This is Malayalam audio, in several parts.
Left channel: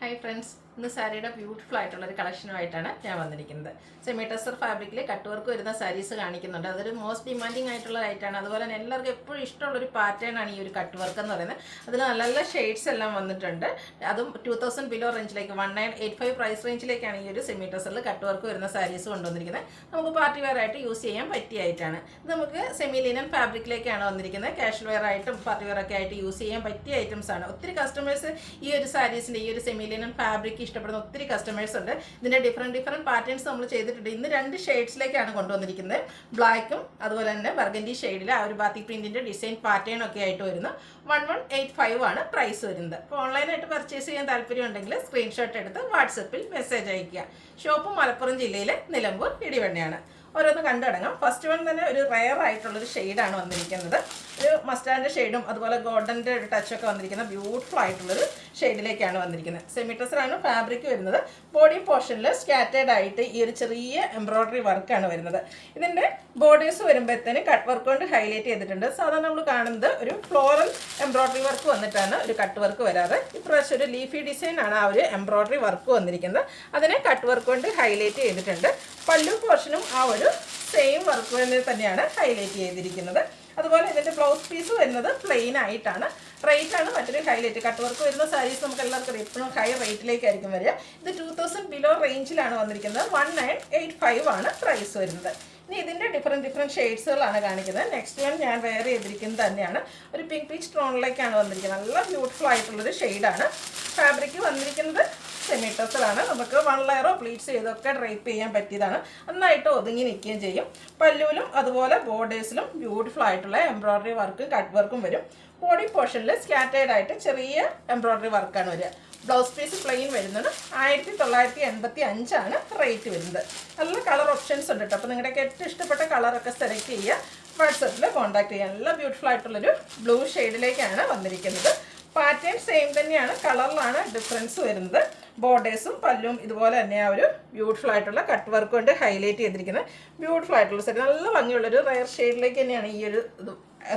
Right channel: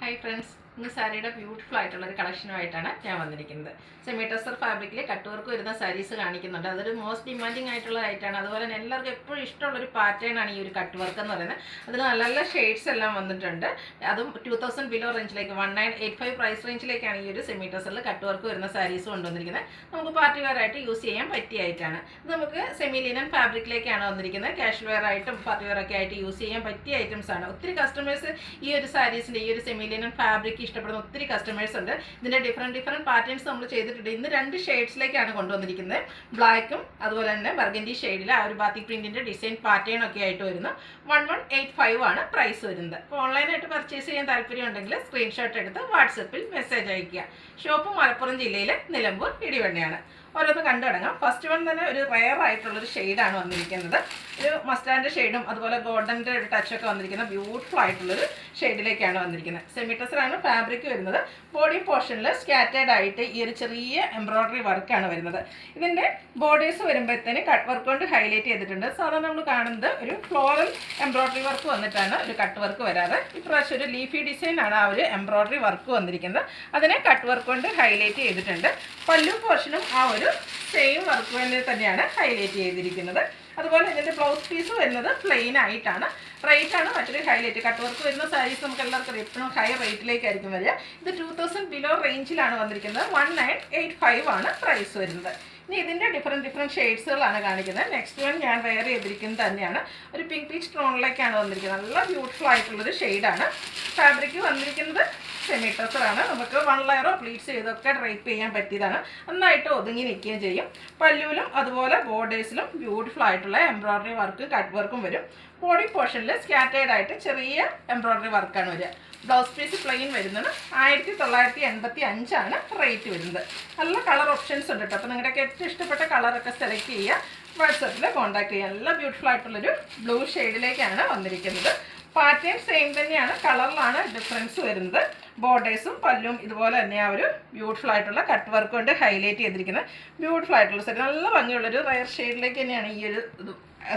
ഹായ് ഫ്രണ്ട്സ്, ഇന്ന് സാരിയുടെ ബ്യൂട്ടിഫുൾ ആയിട്ടുള്ള ഒരു കളക്ഷനുമായിട്ടാണ് ഞാൻ വന്നിരിക്കുന്നത്. സെമി ടെസർ ഫാബ്രിക്കിൽ കട്ട് വർക്ക് വരുന്ന സാരീസ് കാണിക്കുന്നുണ്ട്. അതൊരു മോസ്റ്റ് ഡിമാൻഡിങ് ആയിട്ടുള്ള ഐറ്റാണ്. അതുപോലെ തന്നെ എല്ലാവർക്കും എപ്പോഴും ഇഷ്ടമുള്ളൊരു പാറ്റേൺ ആണ് ഈ ഒരു കട്ട് വർക്ക് എന്ന് പറയുന്നത്. അതിൽ നല്ല നല്ല ഷെയ്ഡ്സ് എല്ലാം വന്നിട്ടുണ്ട്. അതും 2000 ബിലോ റേഞ്ചിലേക്ക് 1985 പ്രൈസ് റേഞ്ചിലേക്കാണ് ഈ ഒരു സെമി ടെസറിൽ കട്ട് വർക്ക് വരുന്ന സാരീസ് കൊണ്ടുവന്നിരിക്കുന്നത്. നമുക്ക് പാർട്ടി വെയർ ആയിട്ട് യൂസ് ചെയ്യാൻ പറ്റിയ ഐറ്റാണ്. ഇത് നമുക്ക് സെമി ലിനൻ ഫാബ്രിക്കിലേക്കാണ് വന്നിരിക്കുന്നത്. കാഷ്വൽ വെയർ ആയിട്ടും പാർട്ടി വെയർ ഒക്കെ ആയിട്ട് യൂസ് ചെയ്യാൻ പറ്റിയ ഐറ്റംസ് ആണ്. ഒത്തിരി കസ്റ്റമേഴ്സ് ഈ ഒരു സാരീസിൻ്റെ ഈ ഒരു സെമി ലിനൻ ഫാബ്രിക് ഇഷ്ടപ്പെടുന്ന ഒത്തിരി കസ്റ്റമേഴ്സ് ഉണ്ട്. ഇതിൻ്റെ ഡിഫറെൻറ്റ് പാറ്റേൺസ് നമ്മൾ ചെയ്തിട്ടുണ്ട്. ഇന്ന് 2 ഷെയ്ഡ്സിലേക്കാണ് കൊണ്ടുവന്നിരിക്കുന്നത്. ബ്ലാക്കും അതുപോലെ തന്നെ ബർഗൻഡി ഷെയ്ഡിൽ ആ ഒരു ബാത്തിക് പ്രിന്റിൻ്റെ ഡിസൈൻ പാറ്റേൺ ഒക്കെ ആയിട്ട് വരുന്നു. 1185 ആണ് പ്രൈസ് വരുന്നത്. അപ്പോൾ ഓൺലൈനായിട്ട് പർച്ചേസ് ചെയ്യാൻ താല്പര്യം ഉണ്ടെങ്കിൽ സ്ക്രീൻഷോട്ട് എടുത്ത് വാട്സപ്പിൽ മെസ്സേജ് അയയ്ക്കുക. ഷോപ്പ് മലപ്പുറം ജില്ലയിലെ നിലമ്പൂർ ഇടിവണ്ണയാണ്. ഓരോന്ന് കണ്ടു തുടങ്ങാം. ഫസ്റ്റ് വൺ തന്നെ ഒരു റെയർ ആയിട്ടുള്ളൊരു ഷെയ്ഡാണ് വന്നിരിക്കുന്നത്. ഒരു മസ്റ്റാൻഡ് ഷെയ്ഡും അതുപോലെ ഗോൾഡൻ്റെ ഒരു ടച്ചൊക്കെ വന്നിരിക്കുന്ന ബ്യൂട്ടിഫുൾ ആയിട്ടുള്ളൊരു ഷെയ്ഡിലേക്കാണ് വന്നിരിക്കുന്നത്. സെമി ടെസറാണ് ഫാബ്രിക് വരുന്നത്. ബോഡി പോർഷനിൽ സ്കാറ്റേഡ് ആയിട്ട് ഈ ഒരു ചെറിയ എംബ്രോയ്ഡറി വർക്കാണ് വരുന്നത്. ഇതിൻ്റെ ബോർഡേഴ്സ് വരുമ്പോഴത്തേന് കട്ട് വർക്ക് കൊണ്ട് ഹൈലൈറ്റ് ചെയ്തിട്ടുണ്ട്. സാധാരണ നമ്മൾ കാണുന്നത് ഒരു ഫ്ലോറൽ എംബ്രോയ്ഡറി വർക്ക് വന്നിട്ടാണ് ഒരു കട്ട് വർക്ക് വരാറ്. ഇപ്രാവശ്യം ഒരു ലീഫി ഡിസൈൻ ആണ് ആ ഒരു എംബ്രോയ്ഡറി വർക്ക് വന്നിരിക്കുന്നത്. അതിനെ കട്ട് വർക്ക് കൊണ്ട് ഹൈലൈറ്റ് ചെയ്തിട്ടുണ്ട്. പല്ലു പോർഷനും ആ ഒരു സെയിം വർക്ക് തന്നെയാണ് ഹൈലൈറ്റ് ചെയ്തിരിക്കുന്നത്. അതുപോലെ ഇതിൻ്റെ ബ്ലൗസ് പീസ് വരുന്നത് പ്ലെയിൻ ആയിട്ടാണ്. റേറ്റാണ് മറ്റൊരു ഹൈലൈറ്റ്. കട്ട് വർക്ക് വരുന്ന സാരീസ് നമുക്ക് എല്ലാവർക്കും എപ്പോഴും ഹൈ റേറ്റിലേക്കായിരിക്കും വരിക. ഇത് 2000 ബിലോ റേഞ്ചിലാണ് വന്നിരിക്കുന്നത്. 1985 ആണ് പ്രൈസ് വരുന്നത്. ഇനി ഇതിൻ്റെ ഡിഫറെൻറ്റ് ഷെയ്ഡ്സുകളാണ് കാണിക്കുന്നത്. നെക്സ്റ്റ് വൺ ഞാൻ വെയർ ചെയ്തിരിക്കുന്നത് തന്നെയാണ്. ഒരു പിങ്ക് പീച്ച് ടോണിലേക്കാണ് വന്നിരിക്കുന്നത്. നല്ല ബ്യൂട്ടിഫുൾ ആയിട്ടുള്ളൊരു ഷെയ്ഡാണ്. ഫാബ്രിക് വന്നിരിക്കുന്നത് സെമി ടെസറാണ്. നമുക്ക് 1 ലെയറോ പ്ലീറ്റ്സ് ചെയ്തൊക്കെ ഡ്രൈപ്പ് ചെയ്യാൻ പറ്റിയതാണ്. നന്നായിട്ട് ഒതുങ്ങി നിൽക്കുകയും ചെയ്യും. പല്ലുവിലും അതുപോലെ ബോർഡേഴ്സിലും ബ്യൂട്ടിഫുൾ ആയിട്ടുള്ള എംബ്രോയ്ഡറി വർക്കും കട്ട് വർക്കും വരും. ബോഡി പോർഷനിൽ സ്കാറ്റേഡ് ആയിട്ട് ചെറിയ എംബ്രോയ്ഡറി വർക്കാണ് വരിക. ബ്ലൗസ് പീസ് പ്ലെയിൻ വരുന്നത് 1985 ആണ് റേറ്റ് വരുന്നത്. നല്ല കളർ ഓപ്ഷൻസ് ഉണ്ട് കേട്ടോ. അപ്പോൾ നിങ്ങളുടെയൊക്കെ ഏറ്റവും ഇഷ്ടപ്പെട്ട കളറൊക്കെ സെലക്ട് ചെയ്യുക. വാട്സപ്പിൽ കോൺടാക്ട് ചെയ്യുക. നല്ല ബ്യൂട്ടിഫുൾ ആയിട്ടുള്ളൊരു ബ്ലൂ ഷെയ്ഡിലേക്കാണ് വന്നിരിക്കുന്നത്. പാറ്റേൺ സെയിം തന്നെയാണ്, കളറിലാണ് ഡിഫറൻസ് വരുന്നത്. ബോർഡേഴ്സും പല്ലും ഇതുപോലെ തന്നെ ആ ഒരു ബ്യൂട്ടിഫുൾ ആയിട്ടുള്ള കട്ട് വർക്ക് കൊണ്ട് ഹൈലൈറ്റ് ചെയ്തിരിക്കുന്നത്. ബ്യൂട്ടിഫുൾ ആയിട്ടുള്ള സാരി, നല്ല ഭംഗിയുള്ളൊരു റയർ ഷെയ്ഡിലേക്ക് തന്നെയാണ് ഈ ഒരു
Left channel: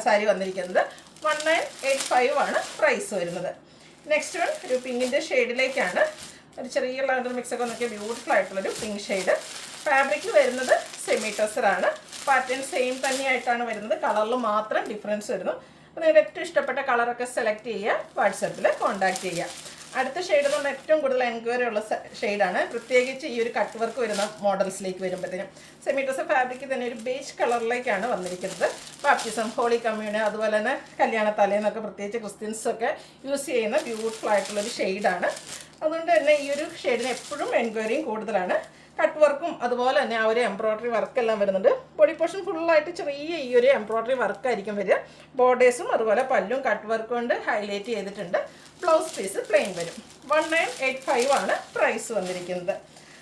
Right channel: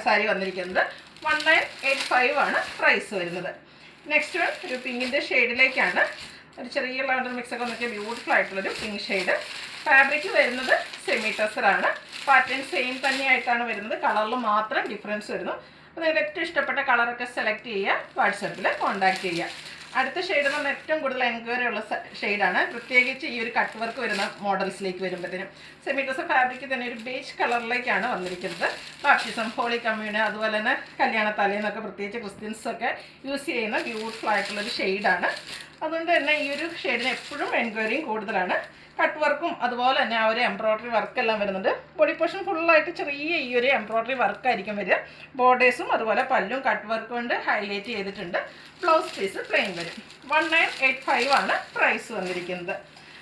സാരി വന്നിരിക്കുന്നത്. 1985 ആണ് പ്രൈസ് വരുന്നത്. നെക്സ്റ്റ് വൺ ഒരു പിങ്കിൻ്റെ ഷെയ്ഡിലേക്കാണ്. ഒരു ചെറിയ ലാവൻഡർ മിക്സൊക്കെ നോക്കിയ ബ്യൂട്ടിഫുൾ ആയിട്ടുള്ളൊരു പിങ്ക് ഷെയ്ഡ്. ഫാബ്രിക് വരുന്നത് സെമി ടെസറാണ്. പാറ്റേൺ സെയിം തന്നെയായിട്ടാണ് വരുന്നത്. കളറിൽ മാത്രം ഡിഫറൻസ് വരുന്നു. അപ്പോൾ നിങ്ങളുടെ ഏറ്റവും ഇഷ്ടപ്പെട്ട കളറൊക്കെ സെലക്ട് ചെയ്യുക. വാട്സപ്പിൽ കോൺടാക്ട് ചെയ്യുക. അടുത്ത ഷെയ്ഡ് എന്ന് പറഞ്ഞാൽ ഏറ്റവും കൂടുതൽ എൻക്വയറി ഉള്ള ഷെയ്ഡാണ്. പ്രത്യേകിച്ച് ഈ ഒരു കട്ട് വർക്ക് വരുന്ന മോഡൽസിലേക്ക് വരുമ്പോഴത്തേനും സെമി ടെസർ ഫാബ്രിക് തന്നെ ഒരു ബേജ് കളറിലേക്കാണ് വന്നിരിക്കുന്നത്. ബാപ്റ്റിസം, ഹോളി കമ്മ്യൂണ്, അതുപോലെ തന്നെ കല്യാണ തലേന്നൊക്കെ പ്രത്യേകിച്ച് ക്രിസ്ത്യൻസൊക്കെ യൂസ് ചെയ്യുന്ന ബ്യൂട്ടിഫുൾ ആയിട്ടുള്ളൊരു ഷെയ്ഡാണ്. അതുകൊണ്ട് തന്നെ ഈ ഒരു ഷെയ്ഡിന് എപ്പോഴും എൻക്വയറിയും കൂടുതലാണ്. കട്ട് വർക്കും അതുപോലെ തന്നെ ആ ഒരു എംബ്രോയ്ഡറി വർക്കെല്ലാം വരുന്നുണ്ട്. ബോഡി പോർഷൻ ഫുള്ളായിട്ട് ചെറിയ ഈ ഒരു എംബ്രോയ്ഡറി വർക്കായിരിക്കും വരിക. ബോർഡേഴ്സും അതുപോലെ പല്ലും കട്ട് വർക്ക് കൊണ്ട് ഹൈലൈറ്റ് ചെയ്തിട്ടുണ്ട്. ബ്ലൗസ് പീസ് പ്ലെയിൻ വരും. 1985 ആണ് പ്രൈസ് വന്നിരിക്കുന്നത്.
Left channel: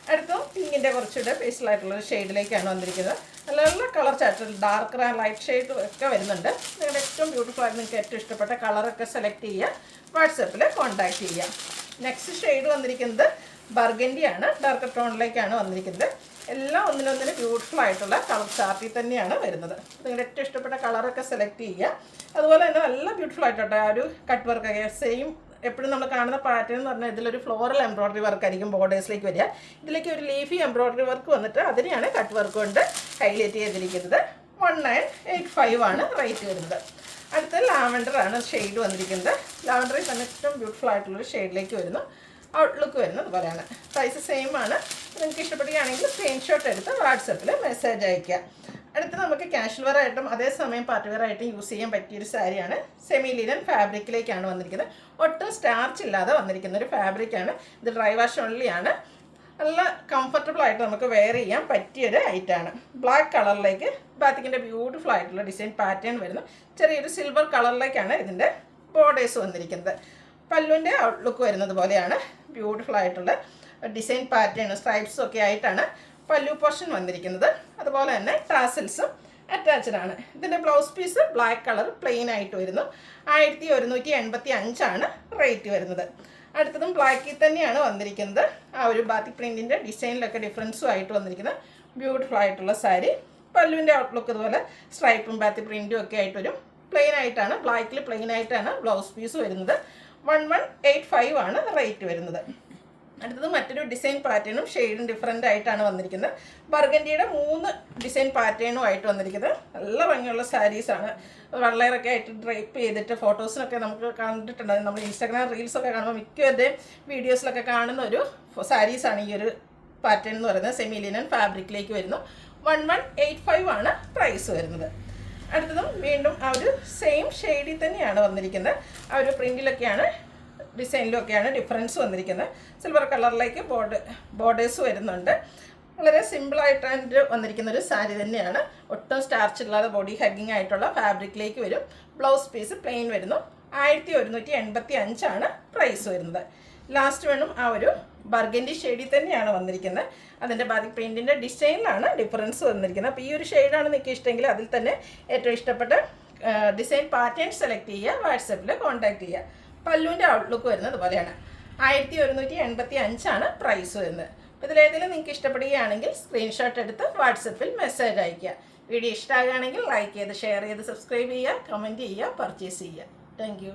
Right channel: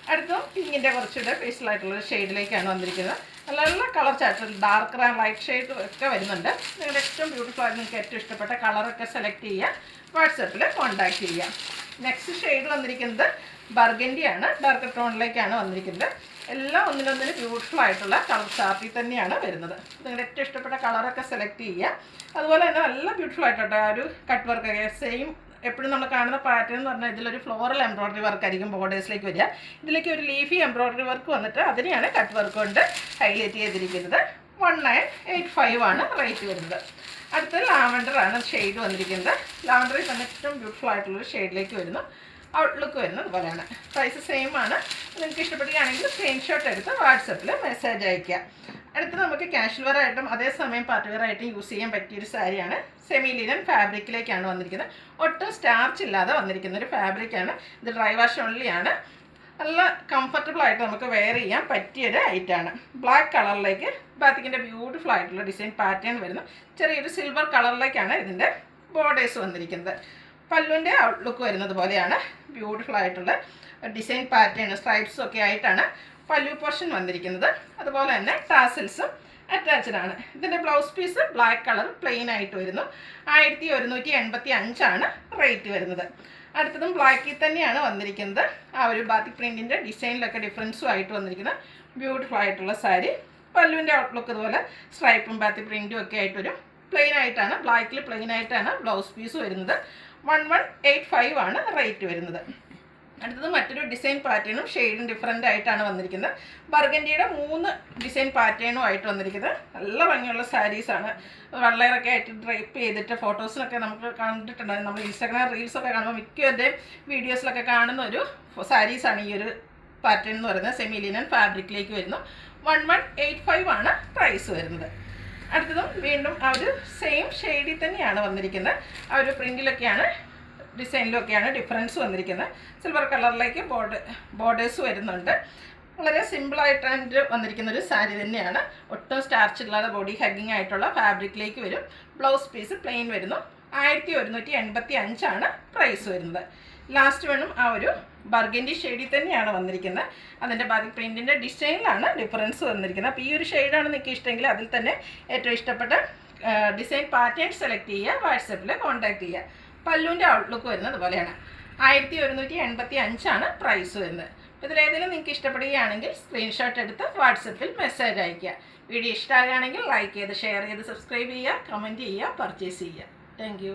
അടുത്തും പിങ്കിൻ്റെ കുറച്ചുകൂടെ പേസ്റ്റലായിട്ടുള്ളൊരു ഷെയ്ഡിലേക്കാണ് വന്നിരിക്കുന്നത്. നല്ല നല്ല colour chart, dark and light shade ഒക്കെ വരുന്നുണ്ട്. നിങ്ങളുടെ ഏറ്റവും ബ്യൂട്ടിഫുൾ ആയിട്ട് നിങ്ങൾക്ക് ഏറ്റവും ഇഷ്ടപ്പെട്ട കളറൊക്കെ സെലക്ട് ചെയ്യുക. വാട്സപ്പിൽ കോൺടാക്ട് ചെയ്യുക. നെക്സ്റ്റ് ഷെയ്ഡ് വന്നിരിക്കുന്നത് ബർഗൻഡി ആണ്. ഡാർക്ക് ടോണിലേക്കാണ് വന്നിരിക്കുന്നത്. എല്ലാം ഒന്നിനൊന്നിന് ബ്യൂട്ടിഫുൾ ആയിട്ടുള്ള കളർ ചാർട്ടിൽ തന്നെയാണ് വരുന്നത്. നിങ്ങളുടെ ഏറ്റവും ഇഷ്ടപ്പെട്ട കളറൊക്കെ സെലക്ട് ചെയ്യുക. അതുപോലെ തന്നെ നല്ല ബ്യൂട്ടിഫുൾ ആയിട്ടോ ആ ഒരു കട്ട് വർക്കൊക്കെ സെയിം എപ്പോഴും നമ്മൾ കാണുന്ന പാറ്റേൺ എന്ന് പറഞ്ഞാൽ ഇതിലൊരു ഫ്ലോറൽ എംബ്രോയ്ഡറി വർക്കായിരിക്കും ബോർഡേഴ്സിലേക്ക് വരിക. ഇതിലേക്ക് ഒരു ലീഫി എംബ്രോയ്ഡറി വർക്ക് വന്നിട്ട് അതിനെയാണ് കട്ട് വർക്ക് കൊണ്ട് ഹൈലൈറ്റ് ചെയ്തിരിക്കുന്നത്. 1985 ആണ് റേറ്റ് വരുന്നത്. അടുത്ത ലാവൻഡറാണ് ഷെയ്ഡ് വന്നിരിക്കുന്നത്. ലാവൻഡറിൽ തന്നെ ഏറ്റവും ബ്യൂട്ടിഫുൾ ആയിട്ടുള്ളൊരു ഷെയ്ഡിലേക്ക് വരുന്നു. ഔട്ട്ലുക്ക് വരുന്നത് അതുപോലെയാണ്. പ്രൈസ് സെയിം ആണ്. നിങ്ങൾക്ക് ഇഷ്ടപ്പെടുകയാണെങ്കിൽ സ്ക്രീൻഷോട്ട് എടുത്ത് വാട്സപ്പിൽ മെസ്സേജ് അയയ്ക്കുക. അടുത്ത് നമുക്ക് കാഷ്വൽ വെയർ ആയിട്ടും അതേസമയം പാർട്ടി വെയർ ആയിട്ടും യൂസ് ചെയ്യാൻ പറ്റിയൊരു സാരിയാണ്. സെമി ലിനൻ ഫാബ്രിക്കിലേക്കാണ് വന്നിരിക്കുന്നത്. ഒട്ടും സ്റ്റാർച്ച് ഇല്ലാതെ വന്നിരിക്കുന്ന ഒരു ഫാബ്രിക്കാണ്. ഇത് ഡ്രൈ വാഷ് ഓൺലി ആണ്. നല്ല കംഫർട്ടബിൾ ആയിട്ട് നമുക്ക് വെയർ ചെയ്യാൻ പറ്റിയൊരു ഐറ്റാണ്. ബ്ലാക്ക് കളറിലേക്ക് ബാത്തിക്കിൻ്റെ ബ്യൂട്ടിഫുൾ ആയിട്ടുള്ള ഡിസൈൻ പാറ്റേൺ വരുന്നു. ചെറിയൊരു സിൽവർ കളറിലേക്കാണ് ഇതിൻ്റെ ബോർഡേഴ്സ് വന്നിരിക്കുന്നത്. പല്ലുവിൻ്റെ ഔട്ട്ലുക്ക് വരുന്നത് പോലെയാണ് ബ്യൂട്ടിഫുൾ ആയിട്ടുള്ള ഡിസൈൻ പാറ്റേൺ സ്ട്രൈപ്സും ഒക്കെ ആയിട്ടാണ് പല്ലു പോർഷൻ വന്നിരിക്കുന്നത്. അതുപോലെ തന്നെ ടാസിൽസും അറ്റാച്ച്ഡ് ആണ്. ഇതിൻ്റെ blouse piece black colour plain ആയിട്ട് വരുന്നു. 1185 ആണ് റേറ്റ് വരുന്നത്. അടുത്തതും ബ്ലാക്കിൽ തന്നെയാണ് വന്നിരിക്കുന്നത്. ആ ഒരു ബാത്തിക് പ്രിൻറ്റിൻ്റെ ഡിസൈനിലൊക്കെ ഡിഫറൻസും ആയിട്ട് വന്നിരിക്കുന്ന ബ്യൂട്ടിഫുൾ ആയിട്ടുള്ള സാരി. പല്ലുവിൻ്റെ ഔട്ട്ലുക്ക് അതുപോലെ സ്ട്രൈപ്പും ബാത്തിക് പ്രിൻറ്റും ഒക്കെ ആയിട്ട് വരും. പ്ലെയിൻ ആയിട്ടാണ്, ബ്ലാക്കിൽ പ്ലെയിൻ ആയിട്ടാണ് ബ്ലൗസ് പീസ് വരുന്നത്. 1185 ആണ് റേറ്റ് വരുന്നത്. അടുത്തത് മറ്റൊരു ഡിസൈൻ പാറ്റേണും ഷെയ്ഡും ഡിഫറൻ്റ് ആയിട്ടാണ് വന്നിരിക്കുന്നത്. ബർഗൻഡിയുടെ 3 ഡിസൈൻ പാറ്റേണും ആയിട്ട് വന്നിരിക്കുന്നത്. നല്ല ഭംഗിയുള്ള സാരീസാണ്. വെള്ളയറൊക്കെ ആയിട്ട് ഡ്രൈപ്പ് ചെയ്തിട്ട് ഫോട്ടോസിനൊക്കെ നമുക്ക് കണ്ടിട്ടുണ്ടായിരുന്നു. നമ്മൾ ഇൻസ്റ്റാഗ്രാം റീൽസൊക്കെ കാണുമ്പോൾ മിക്കവരുടെയും വീഡിയോസിലൊക്കെ കാണുന്ന ഒരു സാരീസാണ് ഈ ഒരു പാറ്റേൺ എന്ന് പറയുന്നത്. സെമി ലിനൻ ഫാബ്രിക്കിലേക്ക് വരുന്നു. 1185 ആണ് പ്രൈസ് വരുന്നത്. അടുത്തതും വീണ്ടും ആ ഒരു സെയിം ഷെയ്ഡിൽ തന്നെയാണ് വന്നിരിക്കുന്നത്. ആ ഒരു പ്രിൻറ്റിലൊക്കെയാണ് ഡിസൈനിലൊക്കെയാണ് ഡിഫറൻസ് വന്നിരിക്കുന്നത്. സിൽവർ കളറിലേക്ക് ബോർഡേഴ്സ് വരുന്നുണ്ട്. വളരെ സിമ്പിളായിട്ട് വന്നിരിക്കുന്ന ഒരു സാരി തന്നെയാണ്. ഒട്ടും സ്റ്റാർച്ച് ഇല്ലാതെ ബോഡി ഹഗ്ഗിങ് ആയിട്ടുള്ള ഫാബ്രിക്കിലേക്ക് വരും. ബ്ലൗസ് പീസ് പ്ലെയിൻ വരുന്നു. 1185 ആണ് പ്രൈസ് വരുന്നത്. ലാസ്റ്റ് വേണം ആ ഒരു ബർഗൻഡി ഷെയ്ഡിൽ തന്നെയാണ് വന്നിരിക്കുന്നത്. അതിൻ്റെ ബാക്കി പ്രിൻറ്റിൻ്റെ ഡിസൈനിലാണ് ഡിഫറൻസ് വന്നിരിക്കുന്നത്. അപ്പോൾ ഈ ഒരു ഷെയ്ഡാണ് നിങ്ങൾക്ക് ഇഷ്ടമെങ്കിൽ അതിൽ തന്നെ ഏറ്റവും ഇഷ്ടപ്പെട്ട ഡിസൈൻ പാറ്റേൺ സെലക്ട് ചെയ്യുക, വാട്സപ്പിൽ കോൺടാക്ട് ചെയ്യുക. പല്ലുവിൻ്റെ ഔട്ട്ലുക്ക് വരുന്നത് പോലെയാണ്. 1185 ആണ് പ്രൈസ് വരുന്നത്. ഇതിലേതെങ്കിലും നിങ്ങൾക്ക് ഇഷ്ടപ്പെടുകയാണെങ്കിൽ സ്ക്രീൻഷോട്ട് എടുത്ത് വാട്സപ്പിൽ മെസ്സേജ് അയയ്ക്കുക. വീഡിയോ ഇഷ്ടമാകുകയാണെങ്കിൽ ലൈക്ക് ചെയ്ത് ഷെയർ ചെയ്ത് സബ്സ്ക്രൈബ് ചെയ്യുക, കമൻറ്റ് ചെയ്യുക, പർച്ചേസ് ചെയ്യുക. താങ്ക്